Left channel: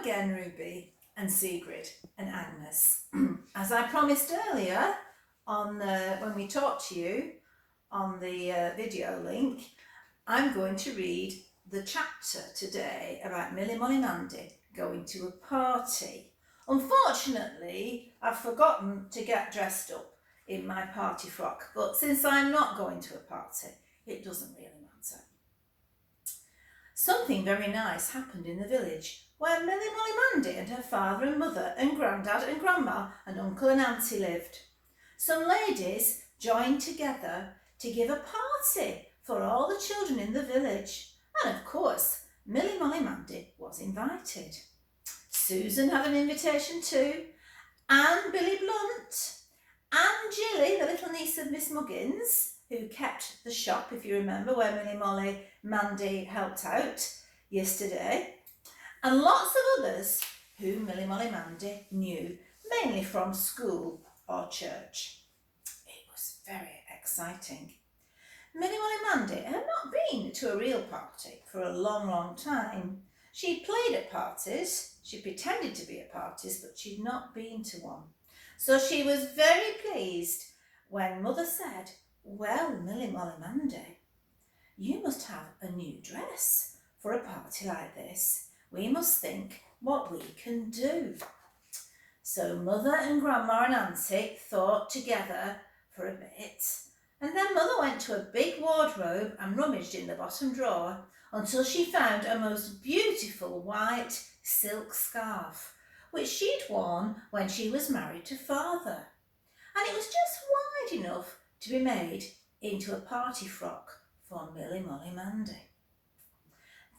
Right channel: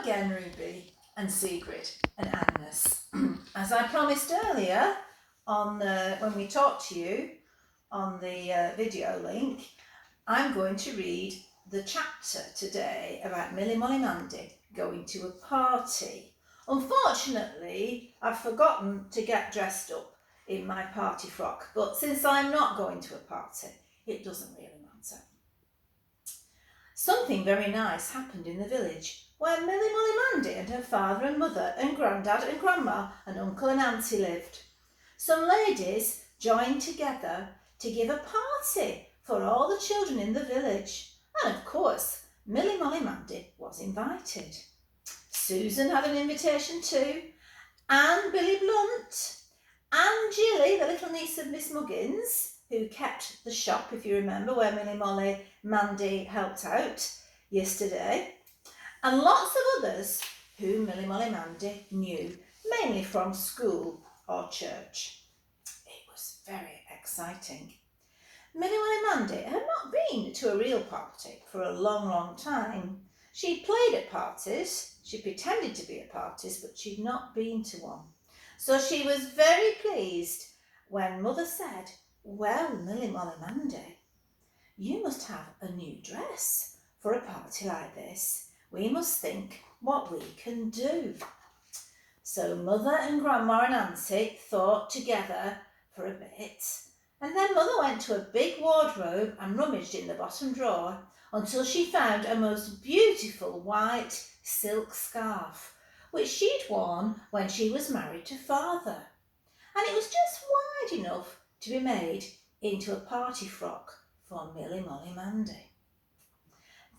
again, Ruby and Sigrid and Agnes. As I promised earlier when we talked to you on the video link, I'm going to read the chapter today about Millie Molly Mandy going to a party. Unfortunately, I've forgotten to get dressed up in my party frock, but since I'm not going to a party, it doesn't really matter. Something very nice happened in the village where Millie Molly Mandy and her father and mother and granddad and grandma and uncle and auntie lived. Some ladies joined together to give a party for all the children in the village, and of course Millie Molly Mandy was invited. Susan had an invitation too, and Billy Blunt, and Jilly, the little niece of Miss Muggins, who kept the shop, if you remember, where Millie Molly Mandy helped out yesterday, and lots of others who Millie Molly Mandy knew, mainly from school or church. It was very exciting. Millie Molly Mandy had not been to a real party for a long, long time. She'd played at parties, she pretended to be at parties, but she'd not been to one. So she was very pleased when Mother said, "Well, Millie Molly Mandy, you must have a new dress for a party like this. We must think what we can do." So Mother and Grandma and Auntie thought together for a bit, and then Mother went to a big wardrobe and rummaged in the bottom drawer until she found a most beautiful white silk scarf, which she'd worn when she was married to Father. And it was just wide enough to be made into a party frock for Millie Molly Mandy.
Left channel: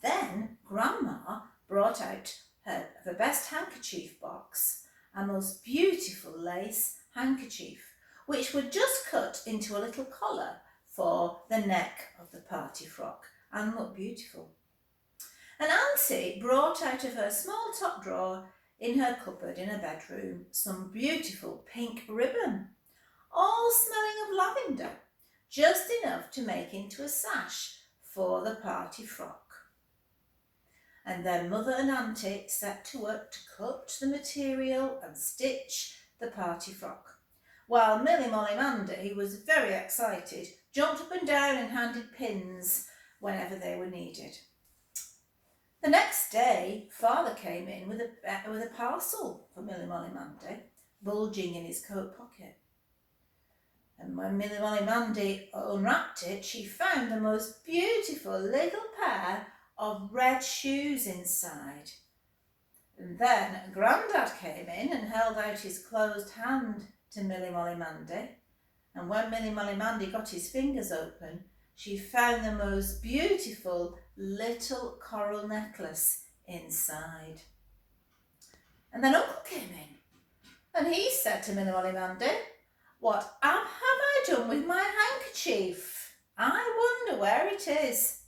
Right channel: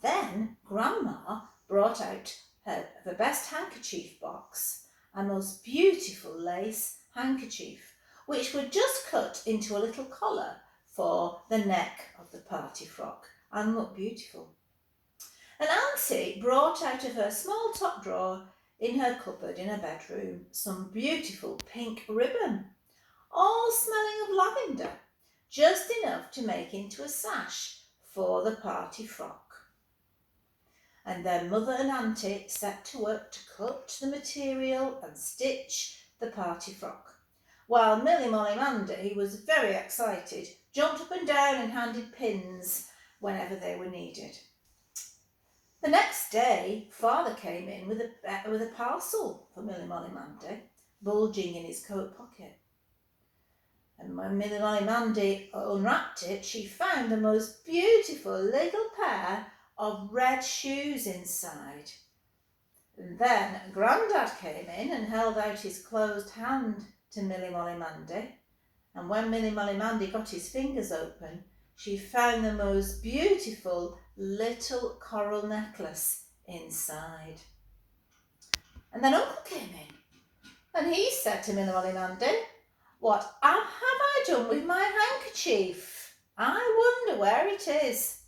Then Grandma brought out the best handkerchief box, a most beautiful lace handkerchief, which would just cut into a little collar for the neck of the party frock and look beautiful. And Auntie brought out of her small top drawer in her cupboard in her bedroom some beautiful pink ribbon, all smelling of lavender, just enough to make into a sash for the party frock. And then Mother and Auntie set to work to cut the material and stitch the party frock, while Millie Molly Mandy was very excited, jumped up and down and handed pins whenever they were needed. The next day, Father came in with a parcel for Millie Molly Mandy, bulging in his coat pocket. And when Millie Molly Mandy unwrapped it, she found the most beautiful little pair of red shoes inside. And then Grandad came in and held out his closed hand to Millie Molly Mandy. And when Millie Molly Mandy got his fingers open, she found the most beautiful little coral necklace inside. And then Uncle came in and he said to Millie Molly Mandy, "What have I done with my handkerchief? I wonder where it is."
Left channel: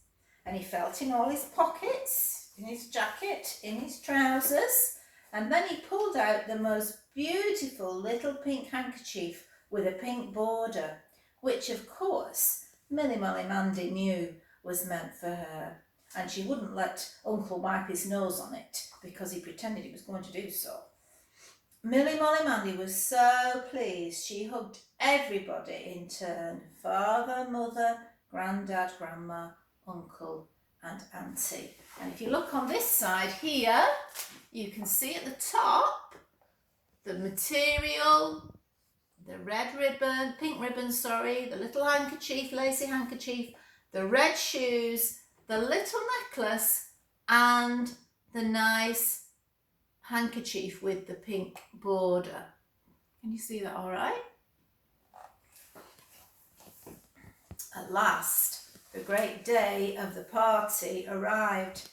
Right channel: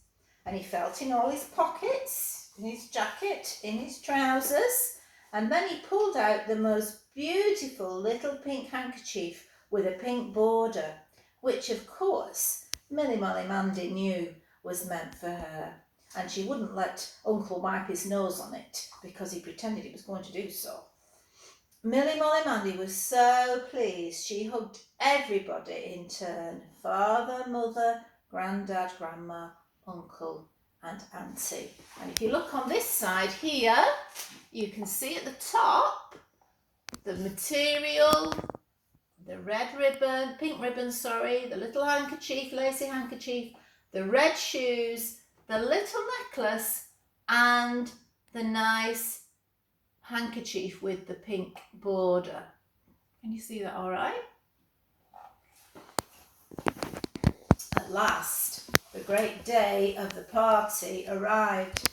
And he felt in all his pockets, in his jacket, in his trousers, and then he pulled out the most beautiful little pink handkerchief with a pink border, which of course Millie Molly Mandy knew was meant for her, and she wouldn't let Uncle wipe his nose on it because he pretended he was going to do so. Millie Molly Mandy was so pleased she hugged everybody in turn: Father, Mother, Grandad, Grandma, Uncle and Auntie. And if you look on this side here, you can see at the top the material, the red ribbon, pink ribbon, the little handkerchief, lacy handkerchief, the red shoes, the little necklace and the nice handkerchief with the pink border. Can you see that all right? At last, the great day of the party arrived.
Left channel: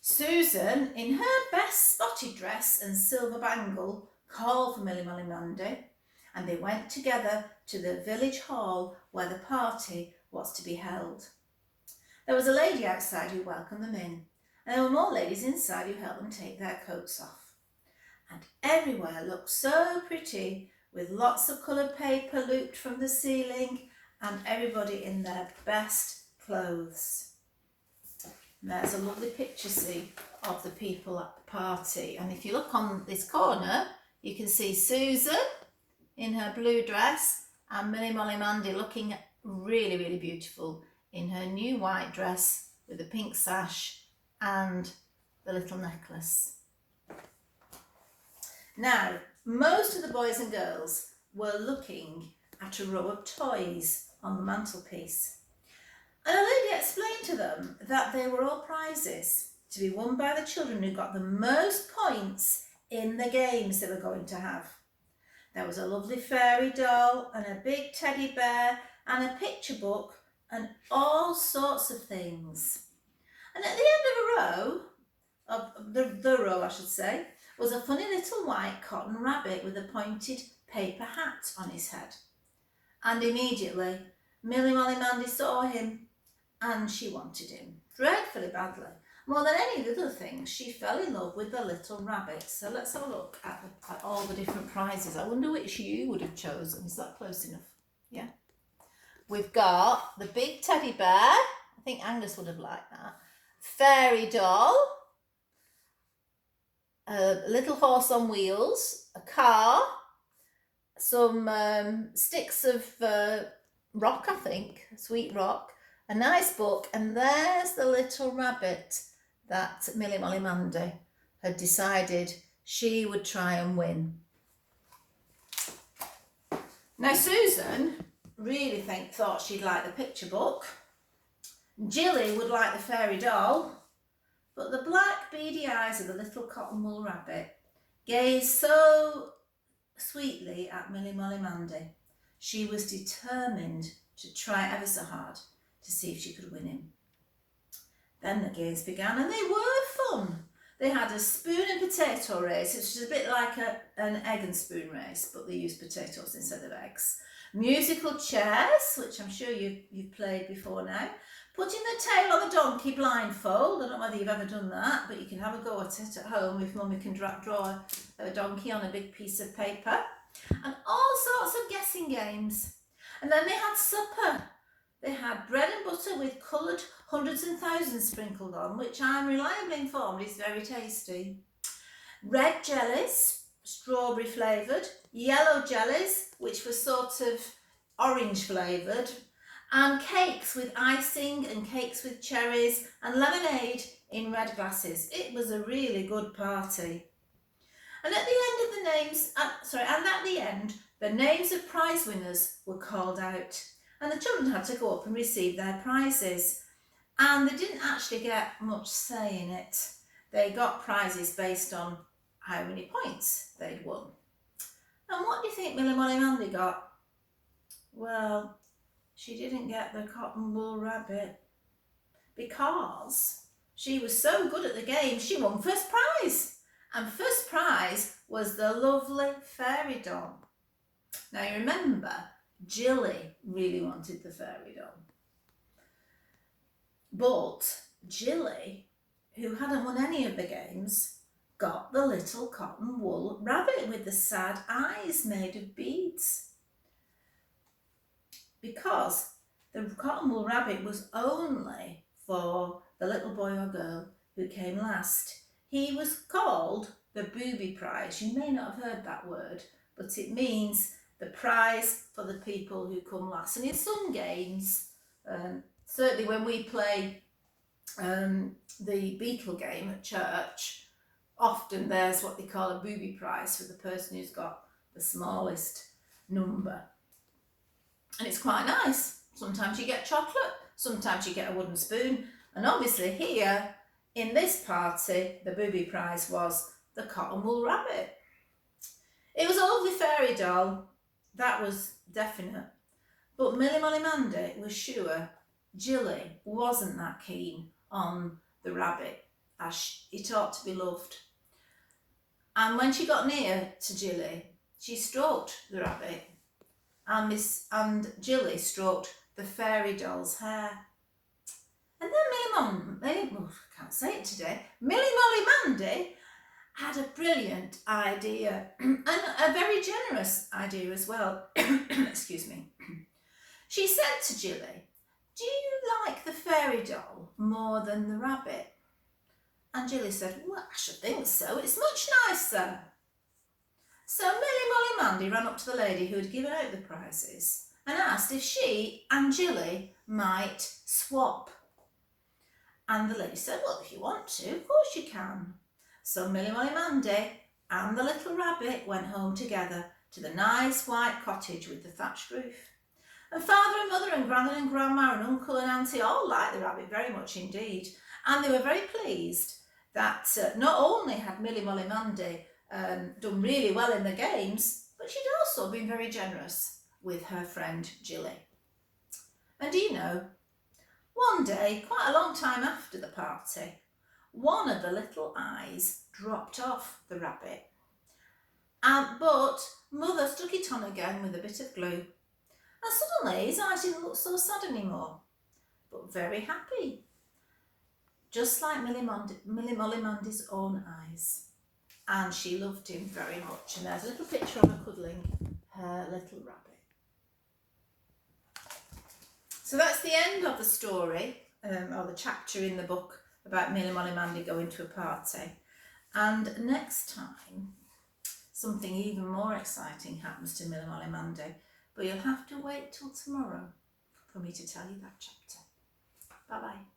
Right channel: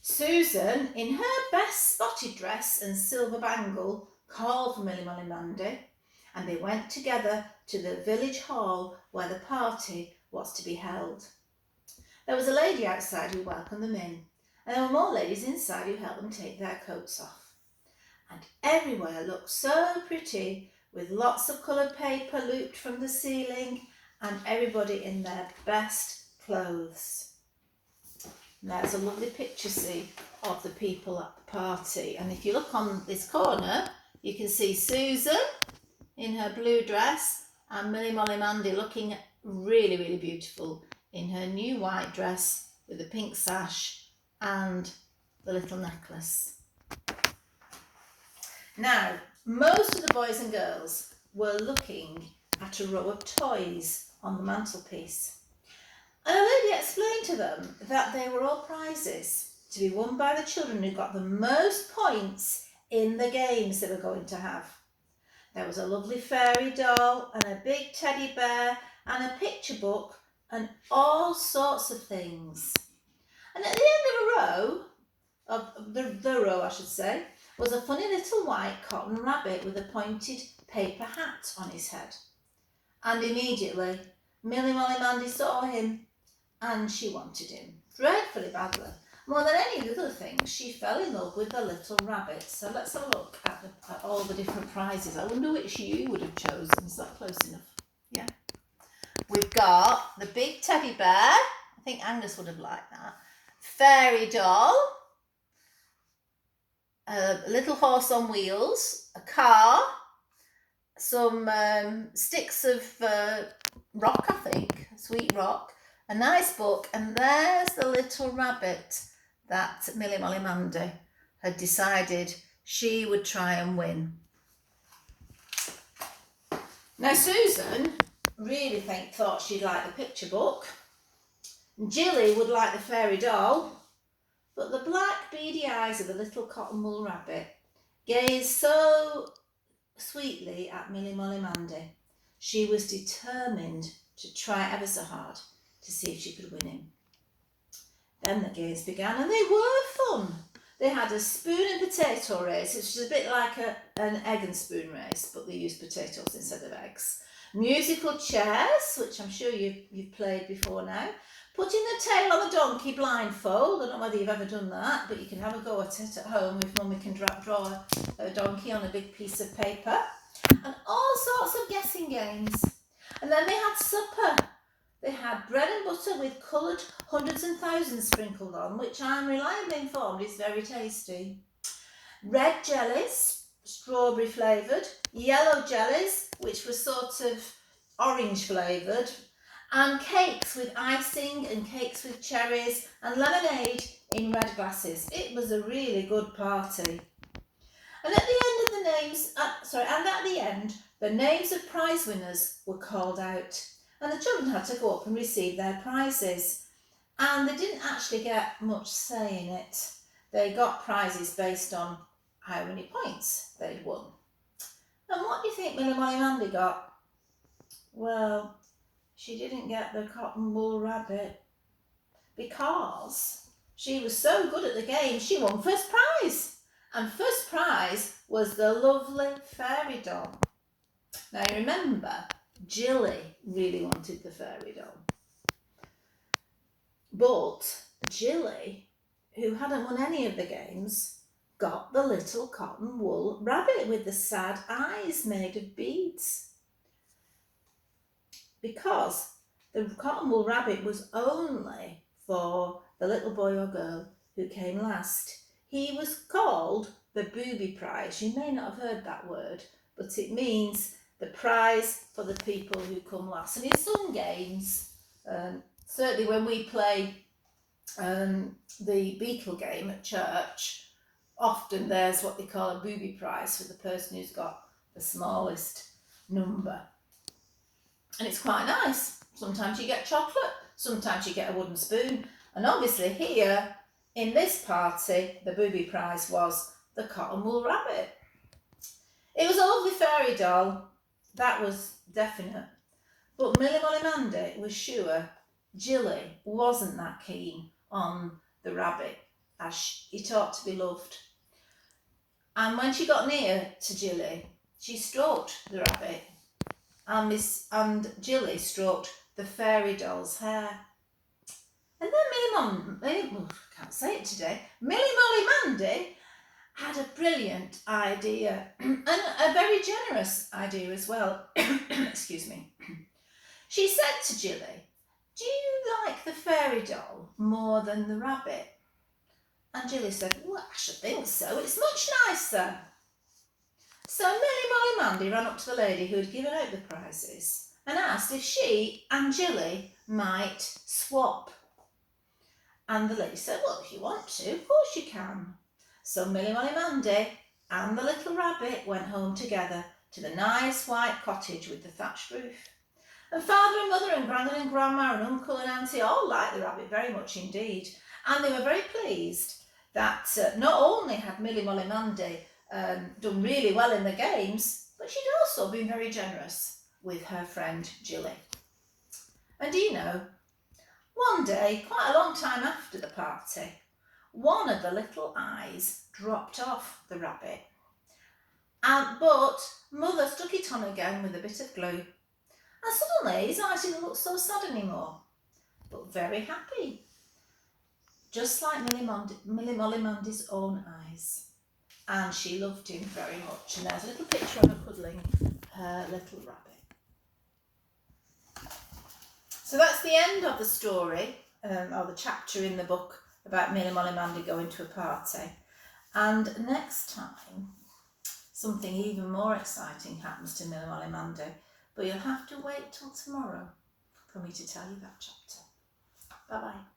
Susan, in her best spotted dress and silver bangle, called for Millie Molly Mandy, and they went together to the village hall where the party was to be held. There was a lady outside who welcomed them in, and there were more ladies inside who helped them take their coats off. And everywhere looked so pretty, with lots of coloured paper looped from the ceiling, and everybody in their best clothes. And there's a lovely picture, see, of the people at the party. And if you look on this corner, you can see Susan in her blue dress and Millie Molly Mandy looking really, really beautiful in her new white dress with the pink sash and the little necklace. Now, most of the boys and girls were looking at a row of toys on the mantelpiece. And a lady explained to them that they were all prizes to be won by the children who got the most points in the games they were going to have. There was a lovely fairy doll and a big teddy bear and a picture book and all sorts of things. And at the end of the row I should say, was a funny little white cotton rabbit with a pointed paper hat on his head. And immediately, Millie Molly Mandy saw him and she wanted him dreadfully badly. More than any other things, she fell in love with the little rabbit. So let's have a look at all the different prizes. I wonder which you would have chosen. Is that close enough? Yeah. We've got the big teddy bear. I think Angus would have liked that. Fairy doll. A little horse on wheels. A car. Some sticks of rock, I think. Sweet rock. A nice book. And there's the little rabbit that Millie Molly Mandy had decided she would try and win. Now Susan really thought she'd like the picture book. Jilly would like the fairy doll, but the black beady eyes of the little cotton wool rabbit gazed so sweetly at Millie Molly Mandy. She was determined to try ever so hard to see if she could win him. Then the games began and they were fun. They had a spoon and potato race, which is a bit like an egg and spoon race, but they used potatoes instead of eggs. Musical chairs, which I'm sure you've played before now. Putting the tail on the donkey blindfold. I don't know whether you've ever done that, but you can have a go at it at home if Mummy can draw a donkey on a big piece of paper. And all sorts of guessing games. And then they had supper. They had bread and butter with coloured hundreds and thousands sprinkled on, which I'm reliably informed is very tasty. Red jellies, strawberry flavoured. Yellow jellies, which were sort of orange flavoured. And cakes with icing and cakes with cherries and lemonade in red glasses. It was a really good party. And at the end, the names of prize winners were called out. And the children had to go up and receive their prizes. And they didn't actually get much say in it. They got prizes based on how many points they'd won. And what do you think Millie Molly Mandy got? Well, she didn't get the cotton wool rabbit because she was so good at the game, she won first prize. And first prize was the lovely fairy doll. Now you remember, Jilly really wanted the fairy doll. But Jilly, who hadn't won any of the games, got the little cotton wool rabbit with the sad eyes made of beads. Because the cotton wool rabbit was only for the little boy or girl who came last. He was called the booby prize. You may not have heard that word, but it means the prize for the people who come last. And in some games, certainly when we play the beetle game at church, often there's what they call a booby prize for the person who's got the smallest number. And it's quite nice. Sometimes you get chocolate, sometimes you get a wooden spoon. And obviously here, in this party, the booby prize was the cotton wool rabbit. It was a lovely fairy doll, that was definite. But Millie Molly Mandy was sure Jilly wasn't that keen on the rabbit, as it ought to be loved. And when she got near to Jilly, she stroked the rabbit, and Jilly stroked the fairy doll's hair. And then Millie Molly Mandy had a brilliant idea, and a very generous idea as well. Excuse me. She said to Jilly, "Do you like the fairy doll more than the rabbit?" And Jilly said, well, I should think so. It's much nicer. So Millie, Molly, Mandy ran up to the lady who had given out the prizes and asked if she and Jilly might swap. And the lady said, well, if you want to, of course you can. So Millie, Molly, Mandy and the little rabbit went home together to the nice white cottage with the thatched roof. And father and mother and granddad and grandma and uncle and auntie all liked the rabbit very much indeed. And they were very pleased that not only had Millie, Molly, Mandy done really well in the games, but she'd also been very generous with her friend Jilly. And do you know, one day, quite a long time after the party, one of the little eyes dropped off the rabbit. But mother stuck it on again with a bit of glue. And suddenly his eyes didn't look so sad anymore, but very happy. Just like Millie Molly Mandy's own eyes. And she loved him very much. And there's a little picture of her cuddling her little rabbit. So that's the end of the story, or the chapter in the book about Millie Molly Mandy going to a party. And next time, something even more exciting happens to Millie Molly Mandy. But you'll have to wait till tomorrow for me to tell you that chapter. Bye-bye.